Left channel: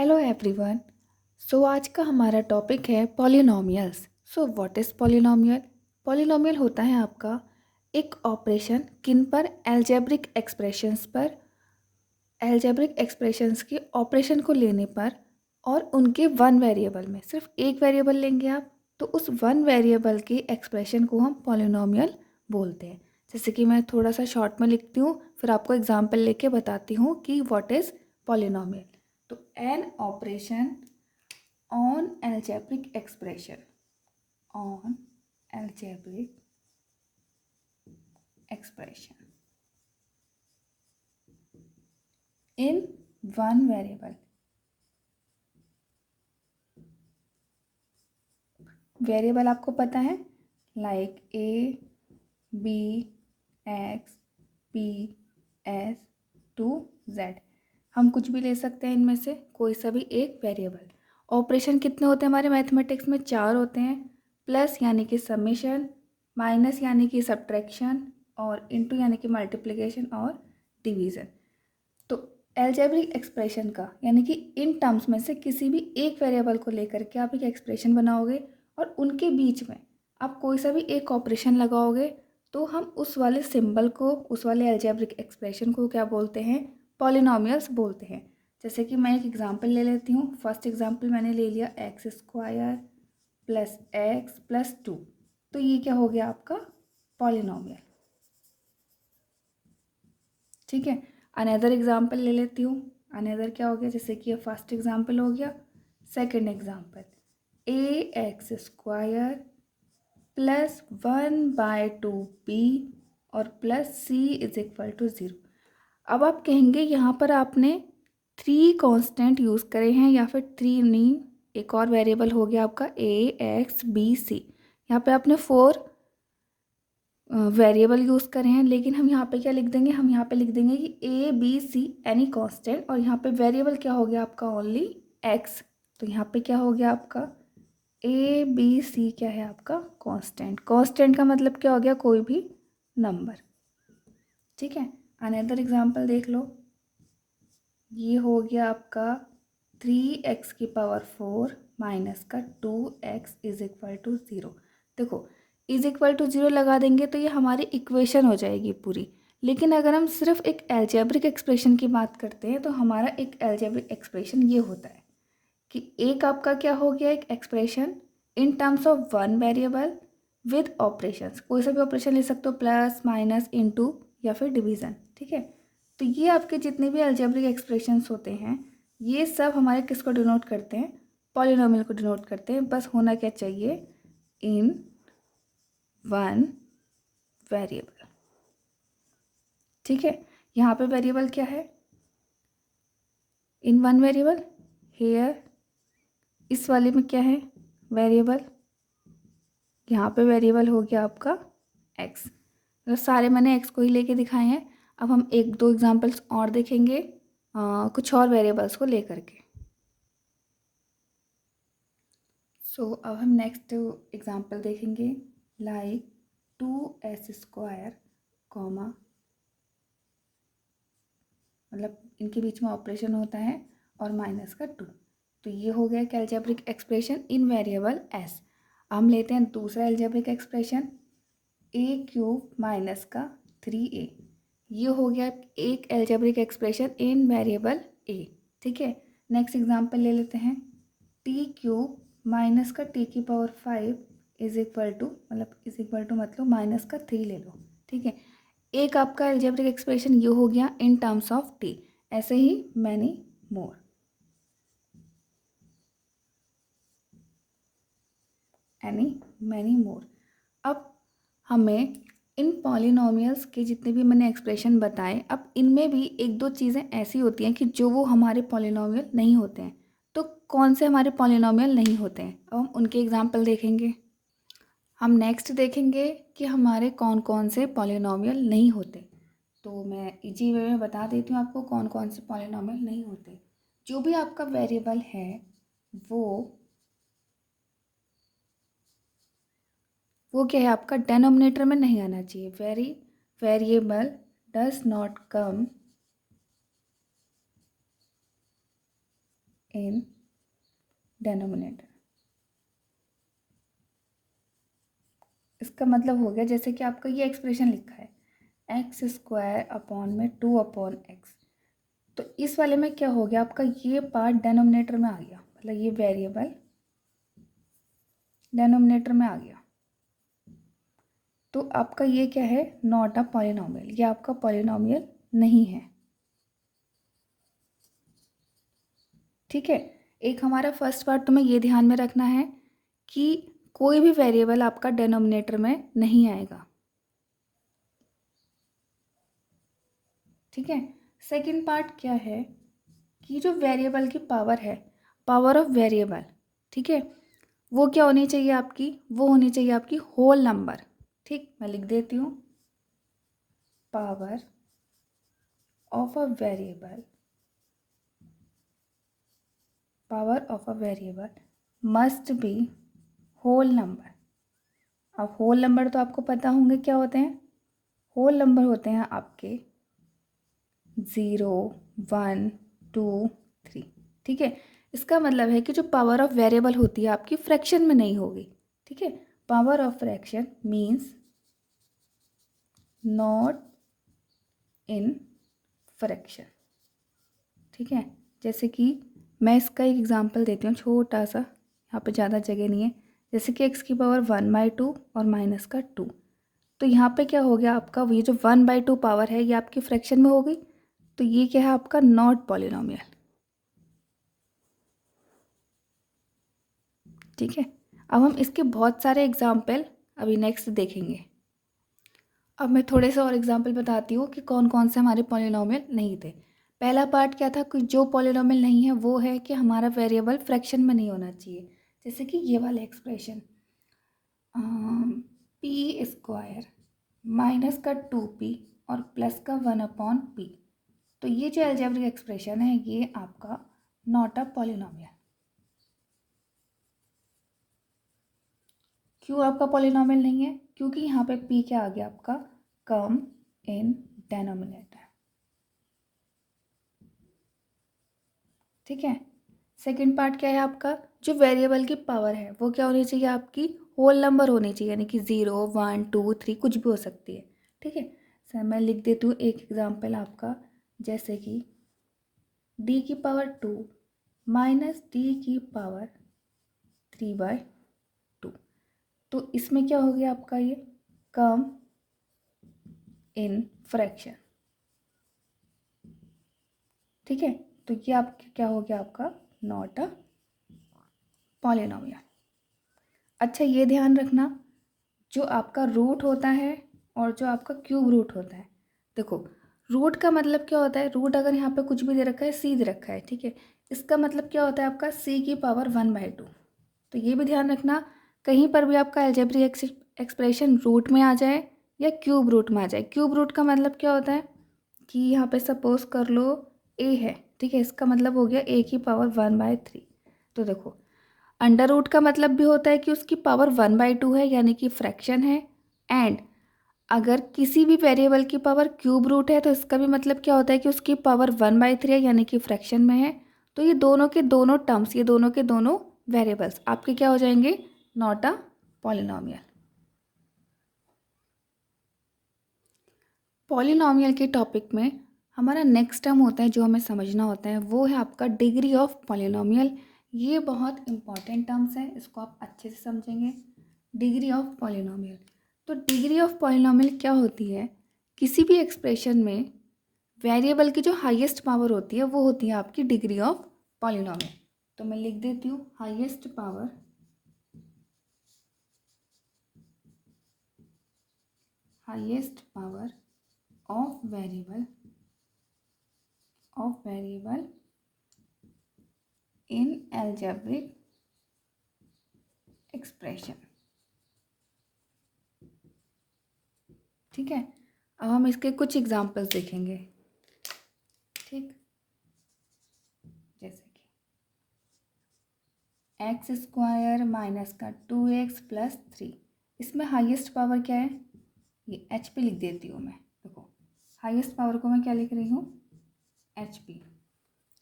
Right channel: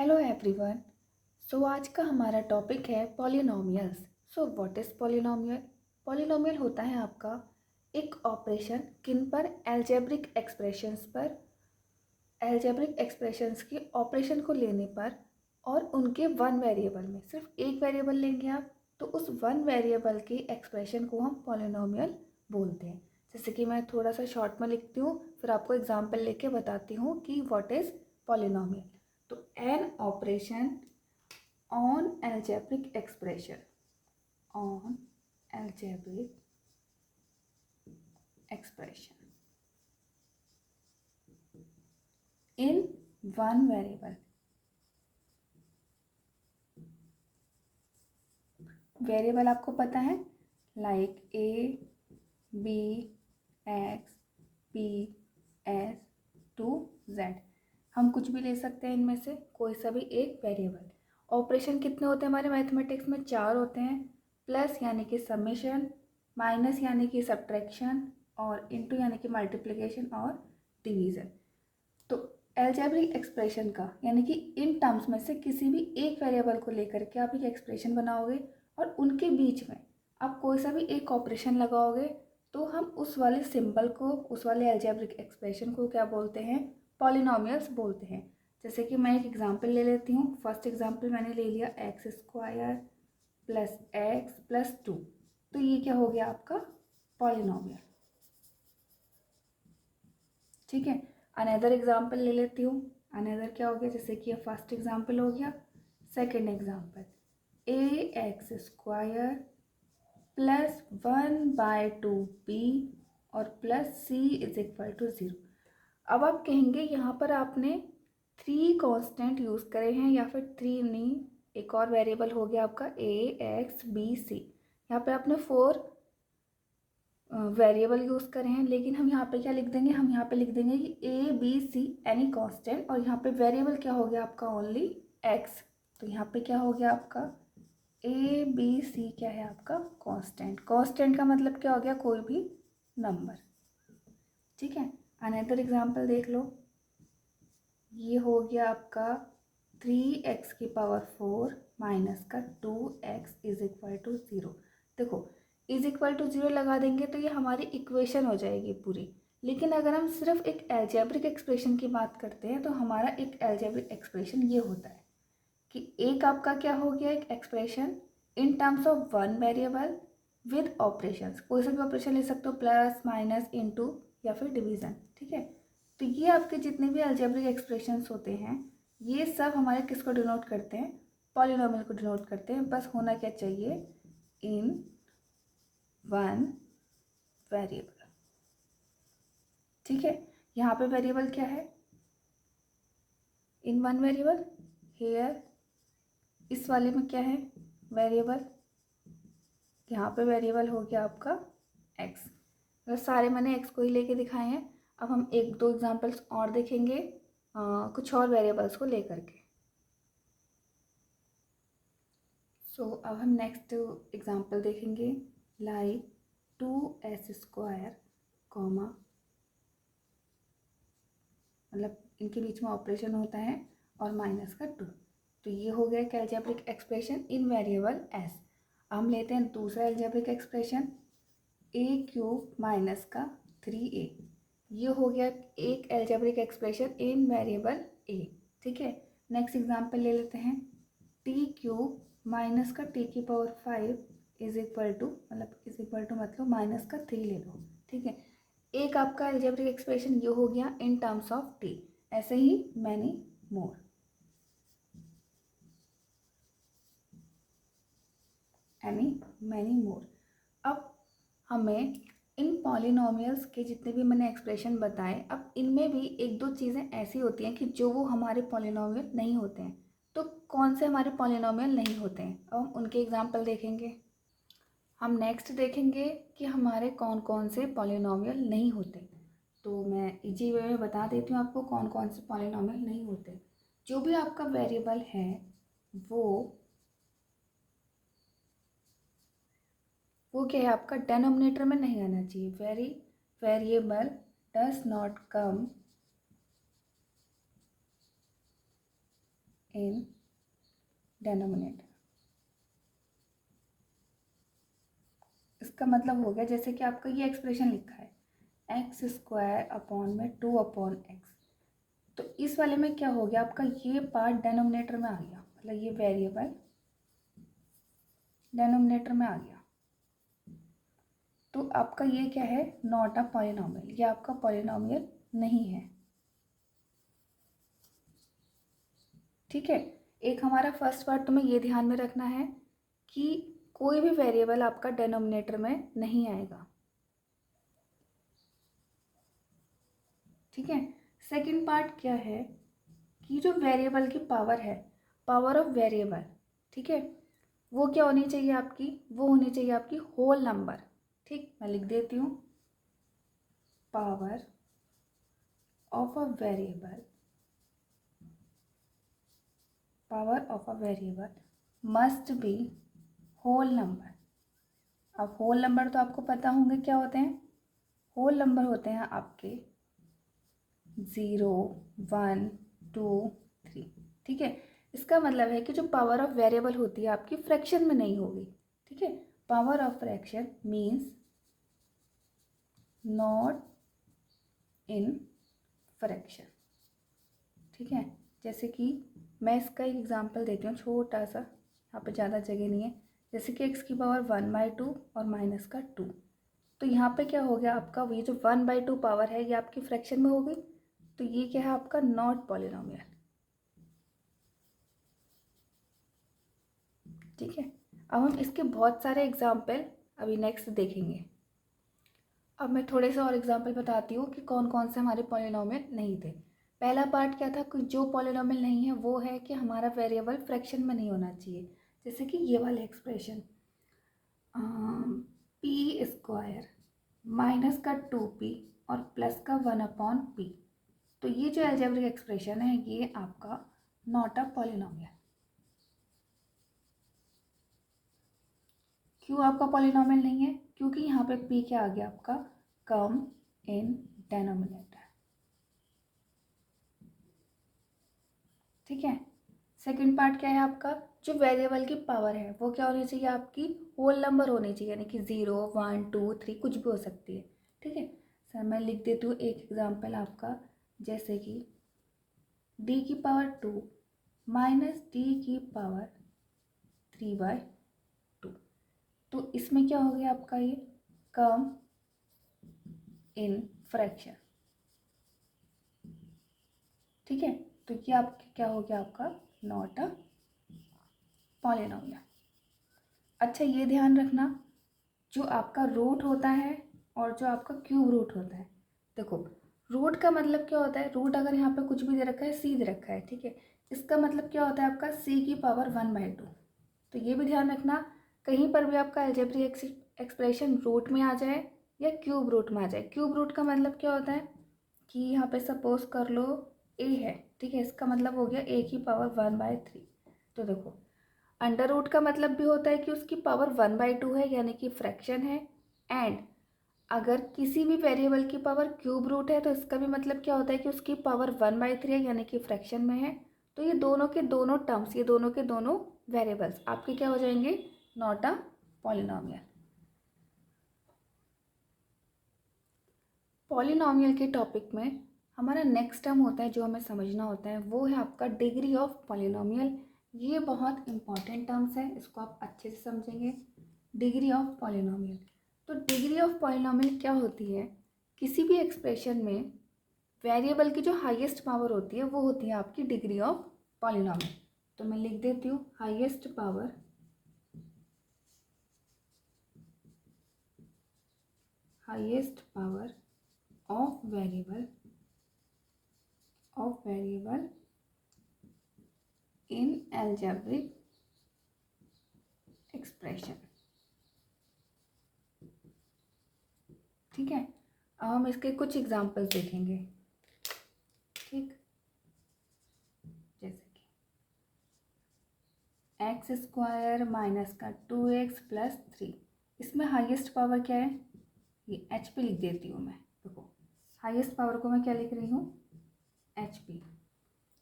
Hello everyone. आज का हमारा टॉपिक है polynomials. What is polynomial? Polynomial होता है आपका एक ऑपरेशन किन पर, एल्जेब्रिक एक्सप्रेशंस के ऑपरेशन को लेने पर और उनके वन वेरिएबल में सिर्फ एक वेरिएबल लेंगे आप, तो उस वन वेरिएबल के एक्सप्रेशन को हम पॉलिनोमियल बोलते हैं। जैसे कि मैं थोड़ा सा शॉर्ट में लिखती हूँ, फिर आपको एग्जांपल लेके बताती हूँ कि व्हाट इज़ पॉलिनोमियल। तो an operation on algebraic expression on algebraic expression in one variable। Variable आपको पता है, like A, B, X, P, S to Z. हम कुछ भी ले सकते हैं इनमें से कोई सा भी एक वेरिएबल। ऑपरेशन कितने होते हैं हमारे मैथमेटिक्स में? 4 होते हैं। प्लस यानी कि समेशन, माइनस यानी कि सब्ट्रैक्शन, और इनटू यानी कि मल्टीप्लिकेशन और डिवीज़न। तो एल्जेब्रिक एक्सप्रेशन का यानी कि इन टर्म्स में से किसी भी एक वेरिएबल को लेकर के आप एक एक्सप्रेशन बनाओगे और उनके बीच में आप कोई सा भी एक ऑपरेशन लगाओगे, तो हम उस वाले सिंबल को, उस वाले एल्जेब्रिक एक्सप्रेशन को क्या बोलते हैं? पॉलिनोमियल्स बोलते हैं। जैसे कि मैं एक एग्जांपल ले लेती हूँ। फर्स्ट एग्जांपल मैंने ले लिया x square plus x plus 2। तो ये क्या हो गया आपका? पॉलिनोमियल। ठीक है। अनदर एग्जाम्पल ले लेती हूँ। अनदर क्या हो गया? जैसे कि ये फर्स्ट एग्जाम्पल हो गया। Second example, A X square plus 1/2 B और plus C is equal to 0। अब आप कहेंगे यहाँ पर आपने 3 कांस्टेंट यूज़ करे हैं, या फिर 3 नहीं, एक और वेरिएबल हो गया आपका ए एक्स बी सी। यहाँ पे आपने 4 वेरिएबल यूज़ करे हैं, लेकिन हम यहाँ पे क्या लिख देंगे? हम यहाँ पे लिख देंगे कि A B C any constant, और यहाँ पे वेरिएबल क्या हो गया आपका? Only X. तो यहाँ पे क्या हो गया आपका? ए बी सी क्या है आपका? कांस्टेंट। कांस्टेंट का मतलब क्या हो गया? कोई भी नंबर। ठीक है। अनदर एग्जांपल देख लो। ये हो गया आपका 3x⁴ माइनस का 2x इज इक्वल टू 0। देखो, इज इक्वल टू 0 लगा देंगे तो ये हमारी इक्वेशन हो जाएगी पूरी। लेकिन अगर हम सिर्फ एक एल्जेब्रिक एक्सप्रेशन की बात करते हैं, तो हमारा एक एल्जेब्रिक एक्सप्रेशन ये होता है कि एक आपका क्या हो गया? एक expression in terms of one variable with operations. कोई सा भी ऑपरेशन ले सकते हो, प्लस माइनस इनटू या फिर डिवीज़न। ठीक है। तो ये आपके जितने भी अलजेब्रिक एक्सप्रेशंस होते हैं, ये सब हमारे किसको डिनोट करते हैं? पॉलिनोमियल को डिनोट करते हैं। बस होना क्या चाहिए? In one variable. ठीक है। यहाँ पे वेरिएबल क्या है? In one variable. हेयर इस वाले में क्या है? वेरिएबल। यहाँ पे वेरिएबल हो गया आपका एक्स। मतलब सारे मैंने एक्स को ही लेके दिखाए हैं। अब हम एक दो एग्जांपल्स और देखेंगे कुछ और वेरिएबल्स को लेकर के। अब हम नेक्स्ट एग्जांपल देखेंगे, लाइक 2s² कॉमा, मतलब इनके बीच में ऑपरेशन होता है, और माइनस का 2। तो ये हो गया algebraic expression in variable S. हम लेते हैं दूसरा अलजेब्रिक एक्सप्रेशन, a³ माइनस का 3a। ये हो गया एक algebraic expression in variable a। ठीक है। नेक्स्ट एग्जांपल ले लेते हैं, t³ माइनस का t⁵ इज इक्वल टू, मतलब माइनस का 3 ले लो। ठीक है। एक आपका अलजेब्रिक एक्सप्रेशन ये हो गया इन टर्म्स ऑफ t। ऐसे ही मैनी मोर। Many more. अब हमें इन पॉलिनोमियल्स के जितने भी मैंने एक्सप्रेशन बताए, अब इनमें भी एक दो चीज़ें ऐसी होती हैं कि जो वो हमारे पॉलिनोमियल नहीं होते हैं। तो कौन से हमारे पॉलिनोमियल नहीं होते हैं? अब हम उनके एग्जांपल देखेंगे। हम नेक्स्ट देखेंगे कि हमारे कौन कौन से पॉलिनोमियल नहीं होते। तो मैं इजी वे में बता देती हूँ आपको कौन कौन से पॉलिनोमियल नहीं होते। जो भी आपका वेरिएबल है वो क्या है आपका? डेनोमिनेटर में नहीं आना चाहिए। Variable does not come in denominator. इसका मतलब हो गया जैसे कि आपका ये एक्सप्रेशन लिखा है एक्स स्क्वायर अपॉन में 2 अपॉन एक्स, तो इस वाले में क्या हो गया आपका ये पार्ट डेनोमिनेटर में आ गया, मतलब ये वेरिएबल डेनोमिनेटर में आ गया। तो आपका ये क्या है, नॉट अ पॉलिनोमियल, ये आपका पॉलिनोमियल नहीं है। ठीक है, एक हमारा फर्स्ट पार्ट तुम्हें ये ध्यान में रखना है कि कोई भी वेरिएबल आपका डेनोमिनेटर में नहीं आएगा। ठीक है, सेकंड पार्ट क्या है कि जो वेरिएबल की पावर है, पावर ऑफ वेरिएबल, ठीक है, वो क्या होनी चाहिए आपकी, वो होनी चाहिए आपकी होल नंबर। ठीक, मैं लिख देती हूँ, power of a variable, power of a variable must be whole number. अब होल नंबर तो आपको पता होंगे क्या होते हैं, होल नंबर होते हैं आपके 0, 1, 2, 3। ठीक है, इसका मतलब है कि जो पावर ऑफ वेरिएबल होती है आपकी फ्रैक्शन में नहीं होगी। ठीक है, power of fraction means not in fraction. ठीक है, जैसे कि मैं इसका एक एग्जांपल देती हूँ छोटा सा, यहाँ पे ज़्यादा जगह नहीं है। जैसे कि x की पावर 1/2 और माइनस का 2, तो यहाँ पे क्या हो गया आपका, ये जो 1/2 पावर है ये आपकी फ्रैक्शन में हो गई, तो ये क्या है आपका नॉट पॉलिनोमियल। ठीक है, अब हम इसके बहुत सारे एग्जाम्पल अभी नेक्स्ट देखेंगे। अब मैं थोड़े से और एग्जाम्पल बताती हूँ कि कौन कौन से हमारे पॉलिनोमियल नहीं थे। पहला पार्ट क्या था कि जो पॉलिनोमियल नहीं है वो है कि हमारा वेरिएबल फ्रैक्शन में नहीं होना चाहिए। जैसे कि ये वाला एक्सप्रेशन पी स्क्वायर माइनस का 2p और प्लस का 1/p, तो ये जो अलजेब्रिक एक्सप्रेशन है ये आपका नॉट अ पॉलिनोमियल। क्यों आपका पॉलिनोमियल नहीं है, क्योंकि यहाँ पे p क्या आ गया आपका, कम इन डेनोमिनेटर। ठीक है, सेकंड पार्ट क्या है आपका, जो वेरिएबल की पावर है वो क्या होनी चाहिए आपकी, होल नंबर होनी चाहिए, यानी कि 0, 1, 2, 3 कुछ भी हो सकती है। ठीक है सर, मैं लिख देती हूँ एक एग्जांपल आपका, जैसे कि d की पावर 2 माइनस d की पावर 3/2, तो इसमें क्या हो गया आपका ये कम इन फ्रैक्शन। ठीक है, तो ये आपका क्या हो गया आपका नॉट अ पॉलिनोमियल। अच्छा ये ध्यान रखना, जो आपका रूट होता है और जो आपका क्यूब रूट होता है, देखो रूट का मतलब क्या होता है, रूट अगर यहाँ पे कुछ भी दे रखा है, सी दे रखा है, ठीक है, इसका मतलब क्या होता है आपका c की पावर 1/2। तो ये भी ध्यान रखना, कहीं पर भी आपका अलजेब्रिक एक्सप्रेशन रूट में आ जाए या क्यूब रूट में आ जाए। क्यूब रूट का मतलब क्या होता है कि यहाँ पे सपोज कर लो a है, ठीक है, इसका मतलब हो गया a की पावर 1/3। तो देखो अंडर रूट का मतलब भी होता है कि उसकी पावर 1/2 है, यानी कि फ्रैक्शन है। एंड अगर किसी भी वेरिएबल की पावर क्यूब रूट है तो इसका भी मतलब क्या होता है कि उसकी पावर 1/3 है, यानी कि फ्रैक्शन में है। तो ये दोनों के दोनों टर्म्स, ये दोनों के दोनों वेरिएबल्स आपके क्या हो जाएंगे, नॉट अ पॉलिनोमियल। पॉलिनोमियल के टॉपिक में हमारा नेक्स्ट टर्म होता है जो हमें समझना होता है, वो है आपका डिग्री ऑफ पॉलिनोमियल। ये बहुत इंपॉर्टेंट टर्म्स है, इसको आप अच्छे से समझेंगे। डिग्री ऑफ पॉलिनोमियल, तो डिग्री ऑफ पॉलिनोमियल क्या होती है, किसी भी एक्सप्रेशन में वेरिएबल की जो हाईएस्ट पावर होती है वो होती है आपकी डिग्री ऑफ पॉलिनोमियल। तो मैं लिख देती हूँ highest power, highest power of variable in algebraic expression. ठीक है, अब हम इसके कुछ एग्जांपल्स देखेंगे। ठीक, जैसे कि एक्स स्क्वायर माइनस का 2x प्लस 3, इसमें हाईएस्ट पावर क्या है, ये एच पी लिख देती हूँ मैं। देखो हाईएस्ट पावर को मैं क्या लिख रही हूँ, एच पी।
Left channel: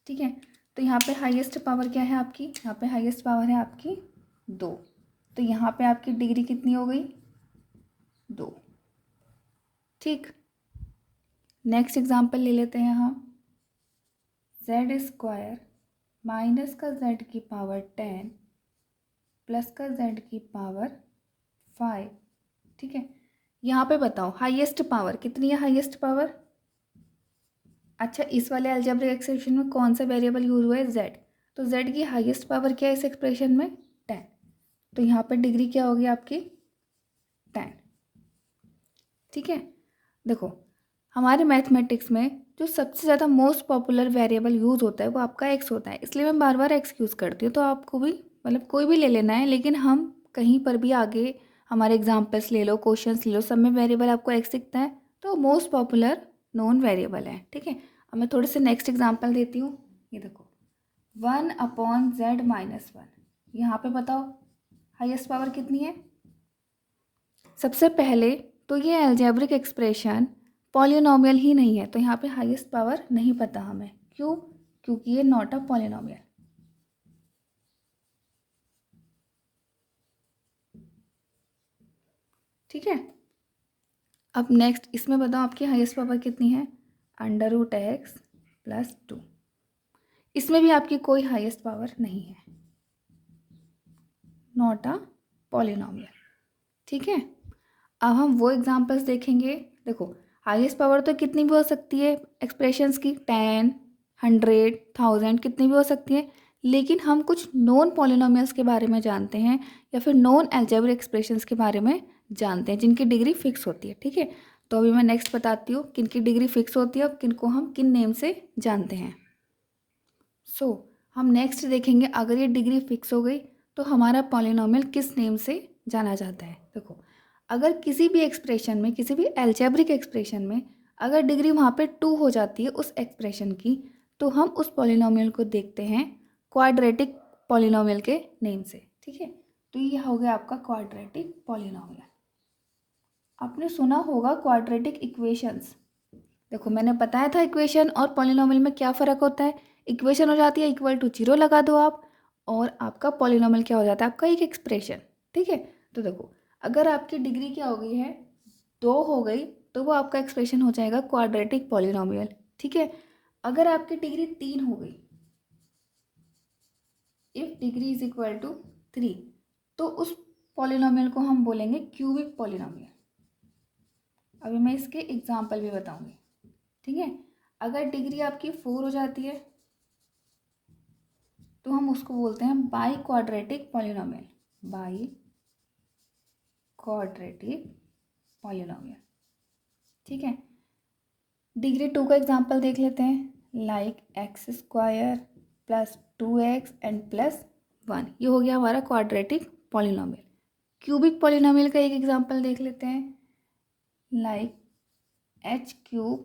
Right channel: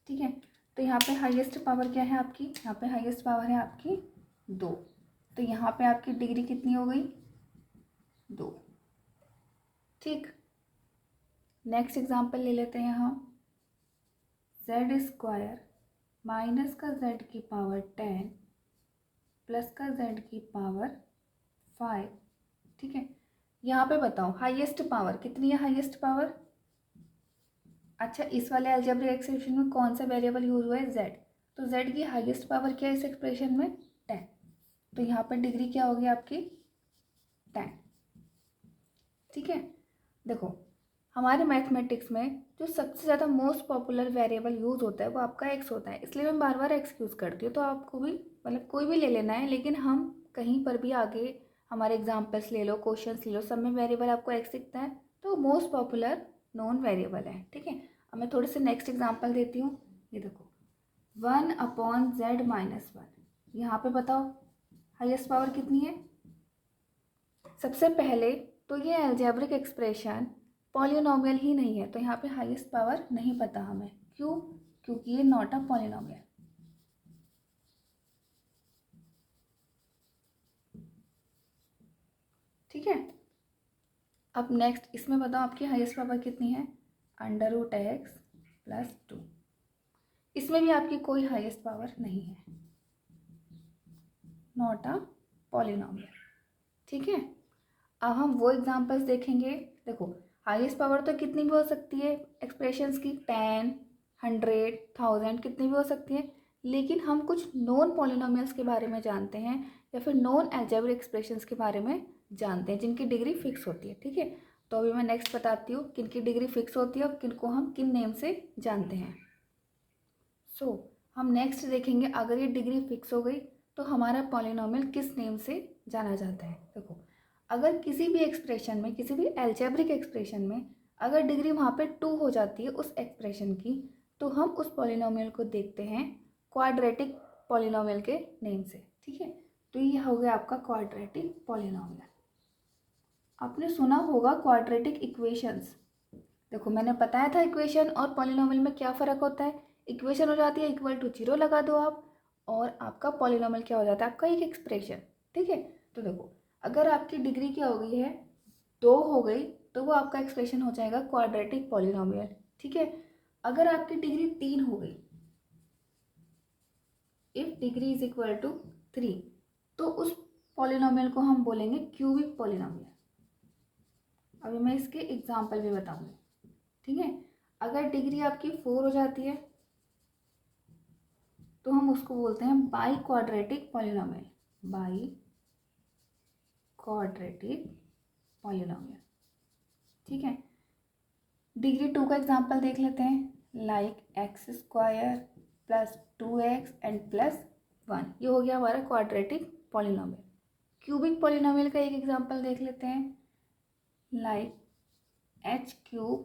ठीक है, तो यहाँ पे हाईएस्ट पावर क्या है आपकी, यहाँ पे हाईएस्ट पावर है आपकी 2। तो यहाँ पे आपकी डिग्री कितनी हो गई, 2। ठीक, नेक्स्ट एग्जांपल ले लेते हैं हम। z² माइनस का z की पावर 10 प्लस का z की पावर 5। ठीक है, यहाँ पे बताओ हाईएस्ट पावर कितनी है, हाईएस्ट पावर। अच्छा, इस वाले अलजेब्रिक एक्सप्रेशन में कौन सा वेरिएबल यूज हुआ है, z। तो z की हाईएस्ट पावर क्या है इस एक्सप्रेशन में, 10। तो यहाँ पर डिग्री क्या होगी आपकी, 10। ठीक है, देखो हमारे मैथमेटिक्स में जो सबसे ज़्यादा मोस्ट पॉपुलर वेरिएबल यूज़ होता है वो आपका x होता है, इसलिए मैं बार बार x यूज़ करती हूँ। तो आपको भी मतलब कोई भी ले लेना है, लेकिन हम कहीं पर भी आगे हमारे एग्जाम्पल्स ले लो, क्वेश्चंस ले लो, सब में वेरिएबल आपको x दिखता है, तो मोस्ट पॉपुलर नॉन वेरिएबल है। ठीक है, अब मैं थोड़े से नेक्स्ट एग्जाम्पल देती हूँ। ये देखो 1/z-1, यहाँ पे बताओ हाईएस्ट पावर कितनी है। सबसे पहले तो ये अलजेब्रिक एक्सप्रेशन पॉलिनोमियल ही नहीं है, तो यहाँ पे हाईएस्ट पावर नहीं पता हमें। क्यों, क्योंकि ये नॉट अ पॉलिनोमियल। ठीक है, अब नेक्स्ट इसमें बताओ आपकी हाईएस्ट पावर कितनी है, √x + 2। इसमें भी आपकी कोई हाईएस्ट पावर नहीं है, नॉट अ पॉलिनोमियल। ठीक है, अब हम वो एग्जांपल्स देखेंगे। देखो हाईएस्ट पावर तो कितनी भी हो सकती है एक्सप्रेशंस की, 10, 100, 1000 कितनी भी हो सकती है, लेकिन हम कुछ नॉन पॉलिनोमियल्स के बारे में जानते हैं या फिर नॉन अलजेब्रिक एक्सप्रेशंस के बारे में जानते हैं जिनकी डिग्री फिक्स होती है। ठीक है, तो अभी मैं नेक्स्ट बताती हूँ किन की डिग्री फिक्स होती है और किन को हम किन नेम से जानते हैं। हम नेक्स्ट देखेंगे, अगर ये डिग्री फिक्स हो गई तो हमारा पॉलिनोमियल किस नेम से जाना जाता है। देखो अगर किसी भी एक्सप्रेशन में, किसी भी अलजेब्रिक एक्सप्रेशन में अगर डिग्री वहाँ पे 2 हो जाती है उस एक्सप्रेशन की, तो हम उस पॉलिनोमियल को देखते हैं क्वाड्रेटिक पॉलिनोमियल के नेम से। ठीक है, तो ये हो गया आपका क्वाड्रेटिक पॉलिनोमियल। आपने सुना होगा क्वाड्रेटिक इक्वेशंस। देखो मैंने बताया था इक्वेशन और पॉलिनोमियल में क्या फ़र्क होता है। इक्वेशन हो जाती है =0 लगा दो आप, और आपका पॉलिनोमियल क्या हो जाता है, आपका एक एक्सप्रेशन। ठीक है, तो देखो अगर आपकी डिग्री क्या हो गई है, 2 हो गई, तो वो आपका एक्सप्रेशन हो जाएगा क्वाड्रेटिक पॉलिनोमियल। ठीक है, अगर आपकी डिग्री 3 हो गई, if degree is equal to 3, तो उस पॉलिनोमियल को हम बोलेंगे क्यूबिक पॉलिनोमियल। अभी मैं इसके एग्जाम्पल भी बताऊंगी। ठीक है, अगर डिग्री आपकी 4 हो जाती है तो हम उसको बोलते हैं by quadratic polynomial, by quadratic polynomial. ठीक है, डिग्री 2 का एग्जांपल देख लेते हैं, लाइक x² + 2x and +1। ये हो गया हमारा क्वाड्रेटिक पॉलिनोमियल। क्यूबिक पॉलिनोमियल का एक एग्जांपल देख लेते हैं, लाइक h³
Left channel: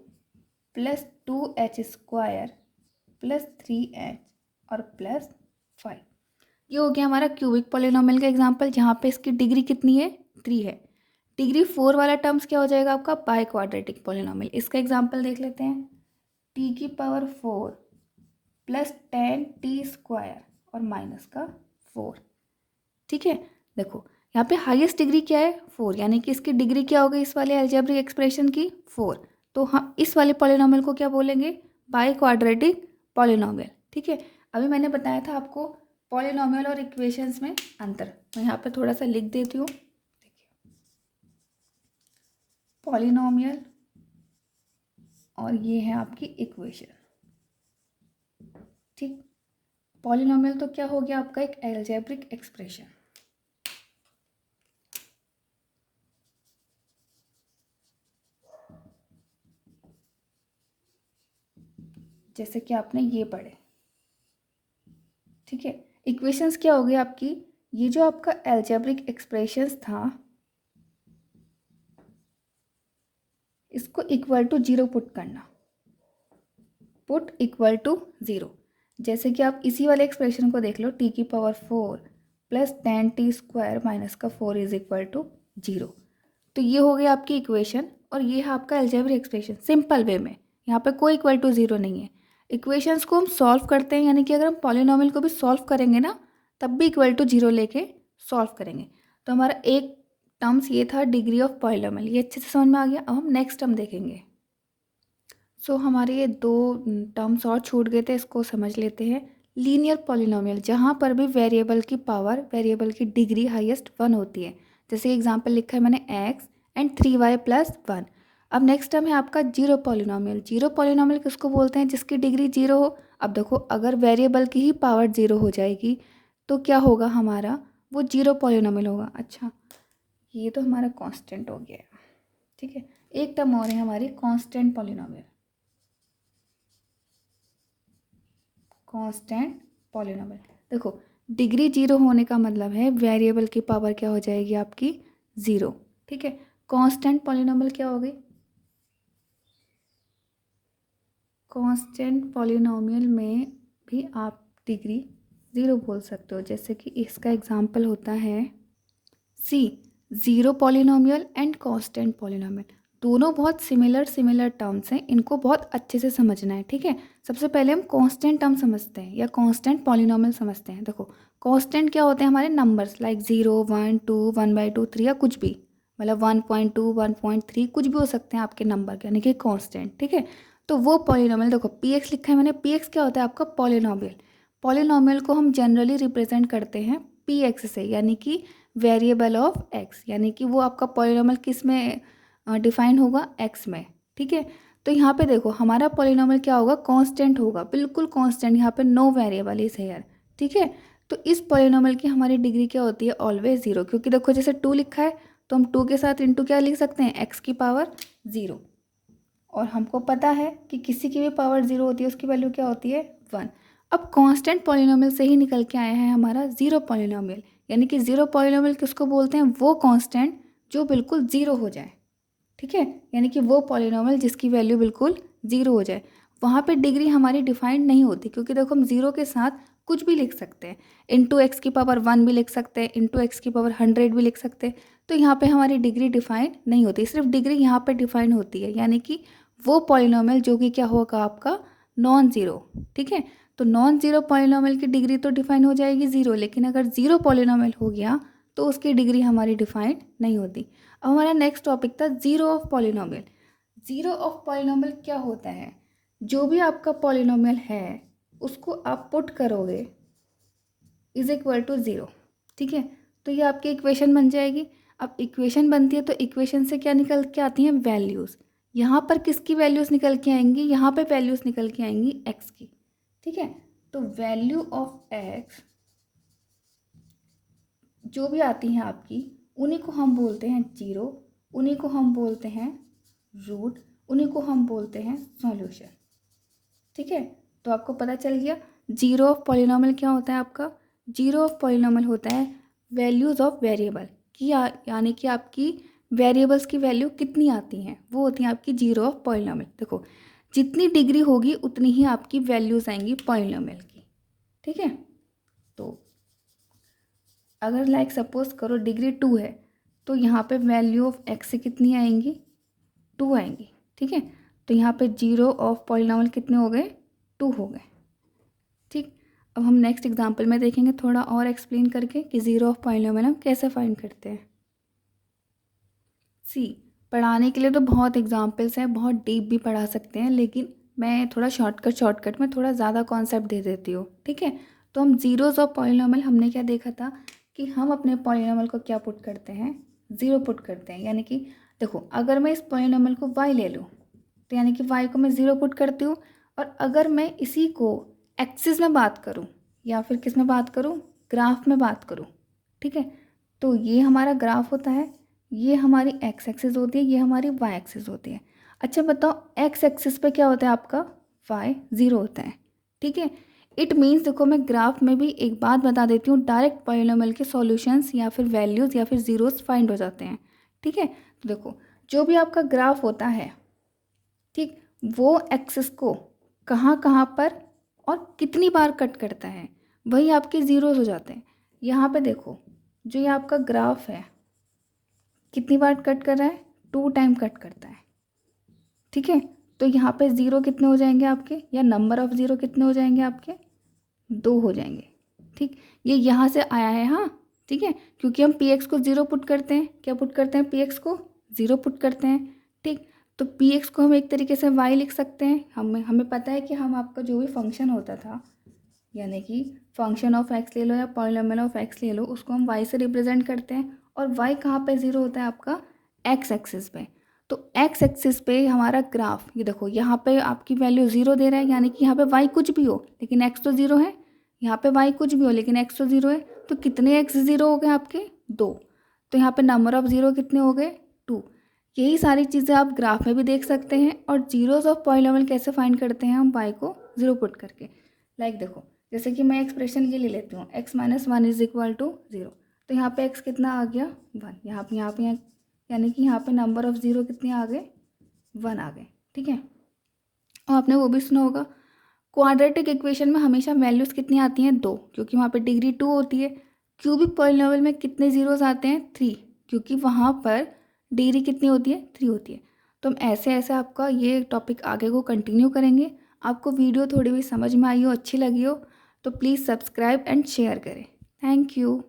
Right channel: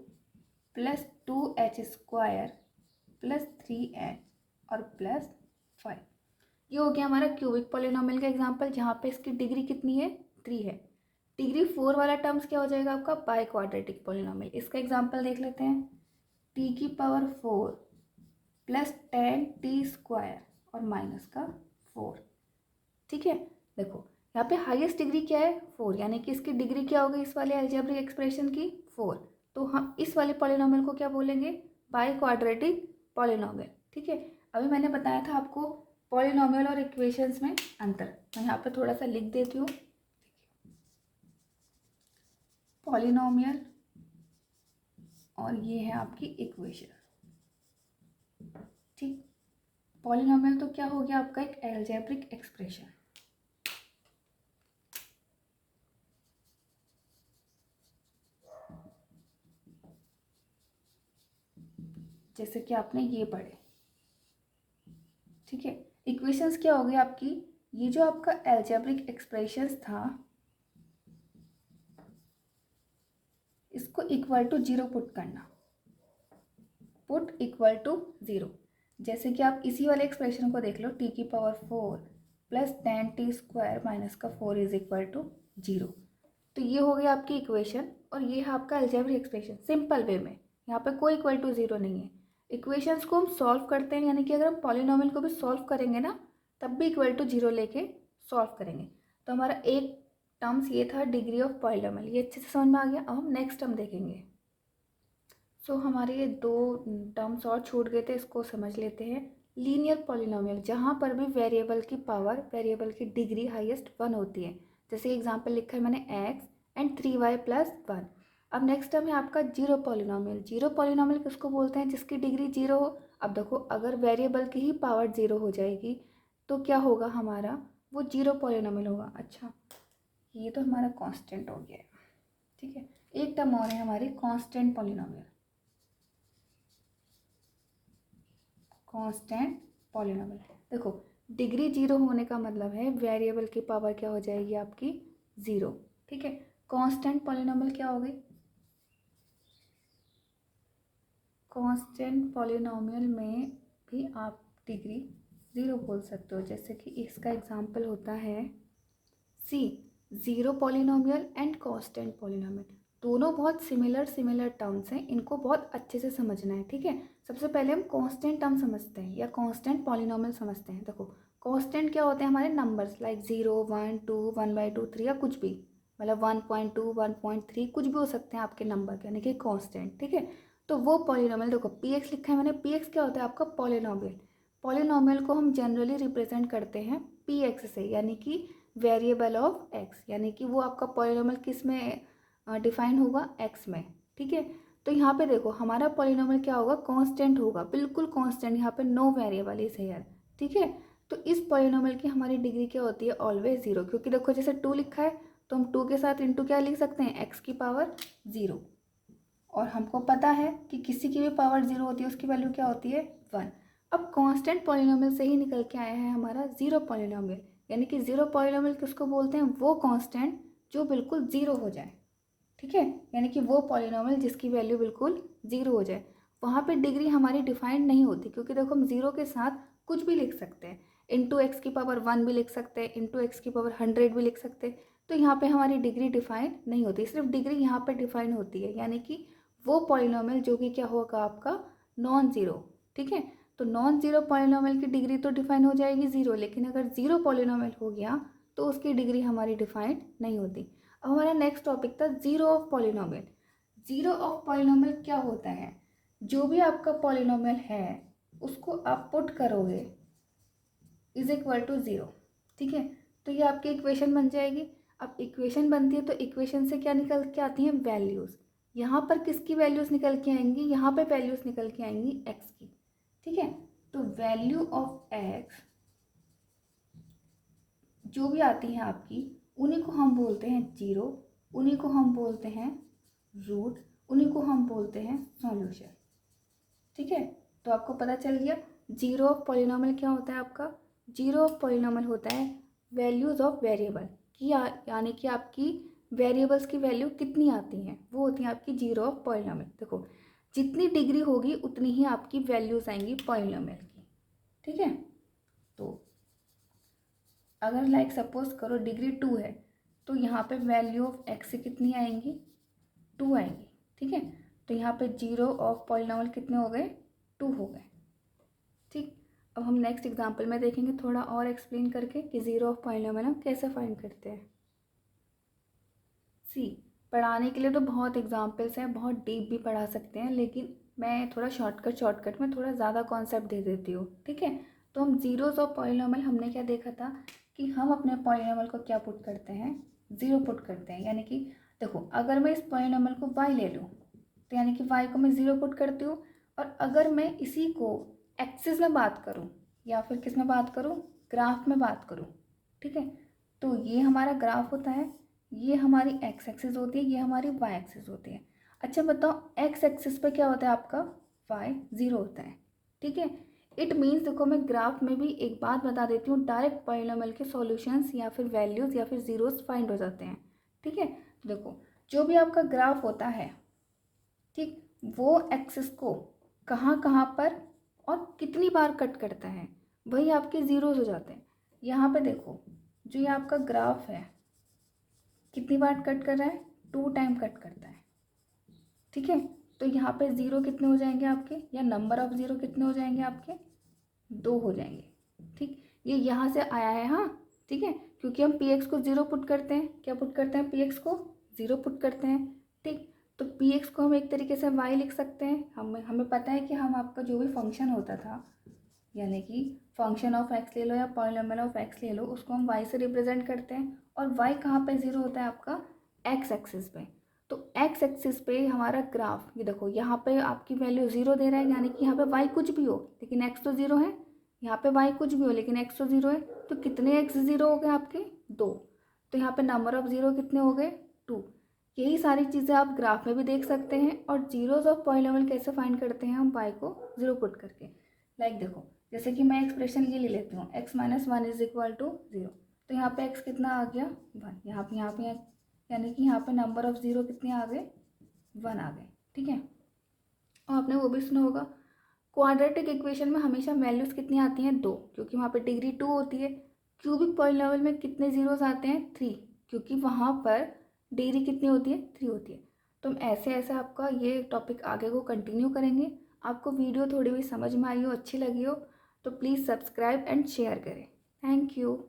+ 2h² + 3h और +5। ये हो गया हमारा क्यूबिक पॉलिनोमियल का एग्जांपल, जहाँ पे इसकी डिग्री कितनी है, 3 है। डिग्री 4 वाला टर्म्स क्या हो जाएगा आपका, बाई क्वाड्रेटिक पॉलिनोमियल। इसका एग्जांपल देख लेते हैं, t⁴ + 10t² और -4। ठीक है, देखो यहाँ पे हाईएस्ट डिग्री क्या है, 4, यानी कि इसकी डिग्री क्या हो गई इस वाले अलजेब्रिक एक्सप्रेशन की, 4। तो हम इस वाले पॉलिनोमियल को क्या बोलेंगे, बाई क्वाड्रेटिक पॉलिनोमियल। ठीक है, अभी मैंने बताया था आपको पॉलिनोमियल और इक्वेशंस में अंतर, मैं यहाँ पे थोड़ा सा लिख देती हूँ। पॉलिनोमियल और ये है आपकी इक्वेशन। ठीक, पॉलिनोमियल तो क्या हो गया आपका एक अलजेब्रिक एक्सप्रेशन। जैसे कि आपने ये पढ़े। ठीक है, इक्वेशंस क्या हो गई आपकी, ये जो आपका अलजेब्रिक एक्सप्रेशंस था इसको =0 पुट करना, पुट =0। जैसे कि आप इसी वाले एक्सप्रेशन को देख लो, t⁴ + 10t² - 4 = 0। तो ये हो गई आपकी इक्वेशन और ये है आपका अलजेब्रिक एक्सप्रेशन सिंपल वे में, यहाँ पे कोई =0 नहीं है। इक्वेशंस को हम सॉल्व करते हैं, यानी कि अगर हम पॉलिनॉमियल को भी सॉल्व करेंगे ना तब भी इक्वल टू 0 लेके सॉल्व करेंगे। तो हमारा एक टर्म्स ये था डिग्री ऑफ पॉलिनॉमियल, ये अच्छे से समझ में आ गया। अब हम नेक्स्ट टर्म देखेंगे। सो हमारे ये दो टर्म्स और छूट गए थे, इसको समझ लेते हैं। लीनियर पॉलिनॉमियल, जहाँ पर भी वेरिएबल की पावर, वेरिएबल की डिग्री हाईएस्ट 1 होती है। जैसे एग्जांपल लिखा है मैंने x एंड 3y प्लस 1। अब नेक्स्ट टर्म है आपका जीरो पॉलिनॉमियल। जीरो पॉलिनॉमियल किसको बोलते हैं? जिसकी डिग्री 0 हो। अब देखो, अगर वेरिएबल की ही पावर 0 हो जाएगी तो क्या होगा हमारा? वो जीरो पॉलिनॉमियल होगा। अच्छा, ये तो हमारा कांस्टेंट हो गया है, ठीक है। एक टर्म और है हमारी कांस्टेंट पॉलिनॉमियल। कांस्टेंट पॉलिनॉमियल, देखो डिग्री 0 होने का मतलब है वेरिएबल की पावर क्या हो जाएगी आपकी? 0, ठीक है। कांस्टेंट पॉलिनॉमियल क्या हो गई? कांस्टेंट पॉलिनॉमियल में भी आप डिग्री 0 बोल सकते हो। जैसे कि इसका एग्जांपल होता है see, zero polynomial and constant polynomial. दोनों बहुत सिमिलर टर्म्स हैं, इनको बहुत अच्छे से समझना है, ठीक है। सबसे पहले हम कांस्टेंट टर्म समझते हैं या कांस्टेंट पॉलिनॉमियल समझते हैं। देखो, कांस्टेंट क्या होते हैं? हमारे नंबर्स लाइक 0, 1, 2, 1/2, 3 या कुछ भी, मतलब 1.2, 1.3 कुछ भी हो सकते हैं आपके नंबर के, यानी कि कांस्टेंट, ठीक है। तो वो पॉलिनॉमियल, देखो px लिखा है मैंने, px क्या होता है आपका? पॉलिनॉमियल। पॉलिनॉमियल को हम जनरली रिप्रेजेंट करते हैं px से, यानी कि वेरिएबल ऑफ x, यानी कि वो आपका पॉलिनॉमियल किस में डिफाइन होगा? x में, ठीक है। तो यहाँ पे देखो हमारा पॉलिनॉमियल क्या होगा? कांस्टेंट होगा, बिल्कुल कांस्टेंट, यहाँ पे नो वेरिएबल इज हियर, ठीक है। तो इस पॉलिनॉमियल की हमारी डिग्री क्या होती है? ऑलवेज 0, क्योंकि देखो जैसे 2 लिखा है तो हम 2 के साथ इंटू क्या लिख सकते हैं? x की पावर 0। और हमको पता है कि किसी की भी पावर 0 होती है उसकी वैल्यू क्या होती है? 1। अब कांस्टेंट पॉलिनॉमियल से ही निकल के आया है हमारा ज़ीरो पॉलिनॉमियल, यानी कि ज़ीरो पॉलिनॉमियल किसको बोलते हैं? वो कांस्टेंट जो बिल्कुल 0 हो जाए, ठीक है। यानी कि वो पॉलिनॉमियल जिसकी वैल्यू बिल्कुल 0 हो जाए। वहाँ पे डिग्री हमारी डिफाइंड नहीं होती, क्योंकि देखो हम 0 के साथ कुछ भी लिख सकते हैं। इंटू एक्स की पावर 1 भी लिख सकते हैं, इंटू एक्स की पावर 100 भी लिख सकते हैं। तो यहाँ पे हमारी डिग्री डिफाइंड नहीं होती, सिर्फ डिग्री यहाँ पे डिफाइंड होती है, यानी कि वो पॉलिनॉमियल जो कि क्या होगा आपका? नॉन ज़ीरो, ठीक है। तो नॉन ज़ीरो पॉलिनॉमियल की डिग्री तो डिफाइन हो जाएगी 0, लेकिन अगर ज़ीरो पॉलिनॉमियल हो गया तो उसकी डिग्री हमारी डिफाइंड नहीं होती। अब हमारा नेक्स्ट टॉपिक था zero of polynomial. Zero of polynomial क्या होता है? जो भी आपका पॉलिनॉमियल है उसको आप पुट करोगे इज इक्वल टू 0, ठीक है। तो ये आपकी इक्वेशन बन जाएगी। अब इक्वेशन बनती है तो इक्वेशन से क्या निकल के आती हैं? वैल्यूज़। यहाँ पर किसकी वैल्यूज़ निकल के आएंगी? यहाँ पे वैल्यूज़ निकल के आएंगी x की, ठीक है। तो वैल्यू ऑफ x जो भी आती हैं आपकी, उन्हीं को हम बोलते हैं 0, उन्हीं को हम बोलते हैं रूट, उन्हीं को हम बोलते हैं सॉल्यूशन, ठीक है। तो आपको पता चल गया जीरो ऑफ पॉलिनॉमियल क्या होता है आपका? जीरो ऑफ पॉलिनॉमियल होता है वैल्यूज़ ऑफ वेरिएबल की, यानी कि आपकी वेरिएबल्स की वैल्यू कितनी आती हैं वो होती हैं आपकी जीरो ऑफ पॉलिनॉमियल। देखो, जितनी डिग्री होगी उतनी ही आपकी वैल्यूज़ आएंगी पॉलिनॉमियल की, ठीक है। तो अगर लाइक सपोज करो डिग्री 2 है तो यहाँ पे वैल्यू ऑफ एक्स से कितनी आएंगी? 2 आएंगी, ठीक है। तो यहाँ पे जीरो ऑफ पॉलिनॉमियल कितने हो गए? 2 हो गए, ठीक। अब हम नेक्स्ट एग्जांपल में देखेंगे थोड़ा और एक्सप्लेन करके कि ज़ीरो ऑफ पॉलिनॉमियल हम कैसे फाइंड करते हैं। सी, पढ़ाने के लिए तो बहुत एग्जांपल्स हैं, बहुत डीप भी पढ़ा सकते हैं, लेकिन मैं थोड़ा शॉर्टकट में थोड़ा ज़्यादा कॉन्सेप्ट दे देती हूँ, ठीक है। तो हम ज़ीरोज़ ऑफ पॉलिनॉमियल हमने क्या देखा था कि हम अपने पॉलिनॉमियल को क्या पुट करते हैं? 0 पुट करते हैं। यानी कि देखो, अगर मैं इस पॉलिनॉमियल को y ले लूँ तो यानी कि y को मैं 0 पुट करती हूँ। और अगर मैं इसी को एक्सिस में बात करूँ या फिर किस में बात करूँ? ग्राफ में बात करूँ, ठीक है। तो ये हमारा ग्राफ होता है, ये हमारी एक्स एक्सिस होती है, ये हमारी वाई एक्सिस होती है। अच्छा बताओ, एक्स एक्सिस पे क्या होता है आपका? वाई 0 होता है, ठीक है। इट मीन्स, देखो मैं ग्राफ में भी एक बात बता देती हूँ, डायरेक्ट पॉलिनॉमियल के सॉल्यूशंस या फिर वैल्यूज़ या फिर ज़ीरोस फाइंड हो जाते हैं, ठीक है। तो देखो, जो भी आपका ग्राफ होता है, ठीक, वो एक्सिस को कहाँ कहाँ पर और कितनी बार कट करता है, वही आपके ज़ीरोस हो जाते हैं। यहाँ पे देखो, जो ये आपका ग्राफ है कितनी बार कट कर रहा है? 2 टाइम कट करता है, ठीक है। तो यहाँ पे ज़ीरो कितने हो जाएंगे आपके, या नंबर ऑफ़ ज़ीरो कितने हो जाएंगे आपके, 2 हो जाएंगे। ठीक, ये यहाँ से आया है, हाँ ठीक है, क्योंकि हम पी एक्स को ज़ीरो पुट करते हैं, क्या पुट करते हैं, पी एक्स को ज़ीरो पुट करते हैं। ठीक, तो पी एक्स को हम एक तरीके से वाई लिख सकते हैं। हमें पता है कि हम आपका जो भी फंक्शन होता था, यानी कि फंक्शन ऑफ एक्स ले लो या पॉलिनोमियल ऑफ एक्स ले लो, उसको हम वाई से रिप्रेजेंट करते हैं। और वाई कहाँ पे ज़ीरो होता है आपका, एक्स एक्सिस पे। तो एक्स एक्सिस पे हमारा ग्राफ, ये देखो यहाँ पे आपकी वैल्यू ज़ीरो दे रहा है, यानी कि यहाँ पे वाई कुछ भी हो लेकिन एक्स तो ज़ीरो है, यहाँ पे वाई कुछ भी हो लेकिन एक्स तो ज़ीरो है। तो कितने एक्स ज़ीरो हो गए आपके, 2। तो यहाँ पे नंबर ऑफ़ ज़ीरो कितने हो गए, 2। यही सारी चीज़ें आप ग्राफ में भी देख सकते हैं। और जीरोज़ ऑफ पॉलिनोमियल कैसे फाइंड करते हैं हम, वाई को ज़ीरो पुट करके। लाइक देखो, जैसे कि मैं एक्सप्रेशन ये ले लेती हूँ, x minus one is equal to 0। तो यहाँ पे x कितना आ गया, 1। यहाँ पे यानी कि यहाँ पे नंबर ऑफ़ ज़ीरो कितने आ गए, 1 आ गए। ठीक है, और आपने वो भी सुना होगा, क्वाड्रेटिक इक्वेशन में हमेशा वैल्यूज़ कितनी आती हैं, 2, क्योंकि वहाँ पे डिग्री 2 होती है। क्यूबिक पॉलिनोमियल में कितने ज़ीरोज़ आते हैं, 3, क्योंकि वहाँ पर डिग्री कितनी होती है, 3 होती है। तो हम ऐसे ऐसे आपका ये टॉपिक आगे को कंटिन्यू करेंगे। आपको वीडियो थोड़ी भी समझ में आई हो, अच्छी लगी हो, तो प्लीज़ सब्सक्राइब एंड शेयर करें। Thank you.